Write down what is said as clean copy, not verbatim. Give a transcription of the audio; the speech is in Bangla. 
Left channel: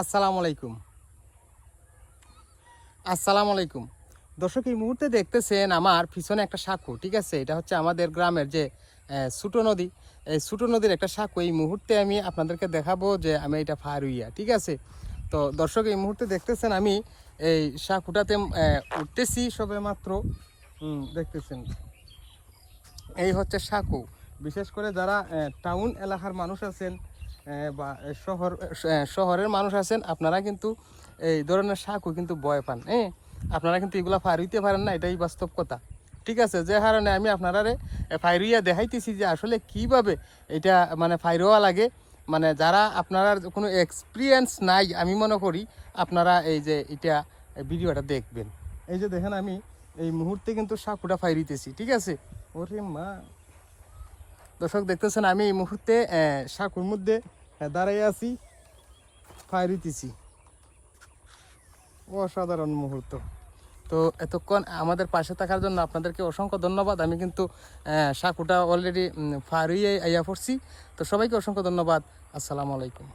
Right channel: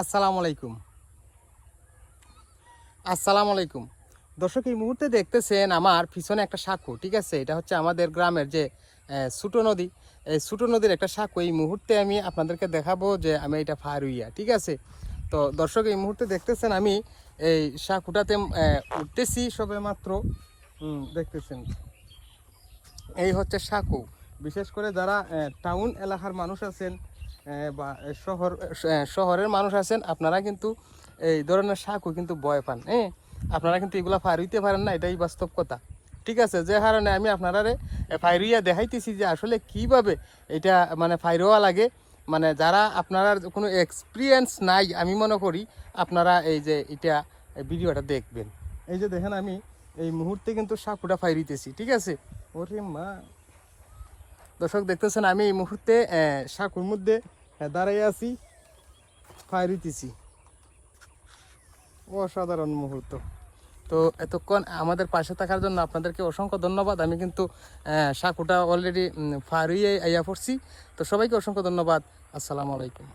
আসসালামু আলাইকুম। দর্শক, এই মুহূর্তে দেখতেছেন আমার পিছনে একটা সাঁকো, ঠিক আছে? এটা হচ্ছে আমাদের গ্রামের যে ছোট নদী, এই ছোট নদীর একটা সাঁকো। এই মুহূর্তে আমি আপনাদেরকে দেখাবো যে আমি এটা পার হইয়া, ঠিক আছে? তো দর্শক, এই মুহূর্তে দেখতেছেন আমি এই সাঁকোটাতে উঠতেছি সবে মাত্র। দেখতেছেন এই হচ্ছে সাঁকো। বিশেষ করে যারা টাউন এলাকার মানুষ আছেন বা শহরের মানুষ আছেন, আপনারা কিন্তু এই ধরনের সাঁকো কিন্তু ভয় পান। আপনারা কিন্তু এগুলা পার হইতে পারেন না, এটাই বাস্তব কথা, ঠিক আছে? যে কারণে আমি আপনারা ফাইরিয়া দেখাইতেছি যে আসলে কিভাবে এটা মানে ফাইরোয়া লাগে। মানে যারা আপনারা কোনো এক্সপিরিয়েন্স নাই, আমি মনে করি আপনারা এই যে এটা ভিডিওটা দেখবেন। এই যে দেখেন আমি এই মুহূর্তে কিন্তু সাঁকোটা ফাইরিতেছি, ঠিক আছে? ওরে মা! দর্শক, দেখতেছেন আমি এই মুহূর্তে সাঁকোর মধ্যে দাঁড়াই আছি, ফাইরিতেছি। অসাধারণ মুহূর্ত। তো এতক্ষণ আমাদের পাশে থাকার জন্য আপনাদেরকে অসংখ্য ধন্যবাদ। আমি কিন্তু সাঁকোটা অলরেডি ফার হয়ে আইয়া পড়ছি। তো সবাইকে অসংখ্য ধন্যবাদ। আসসালামু আলাইকুম।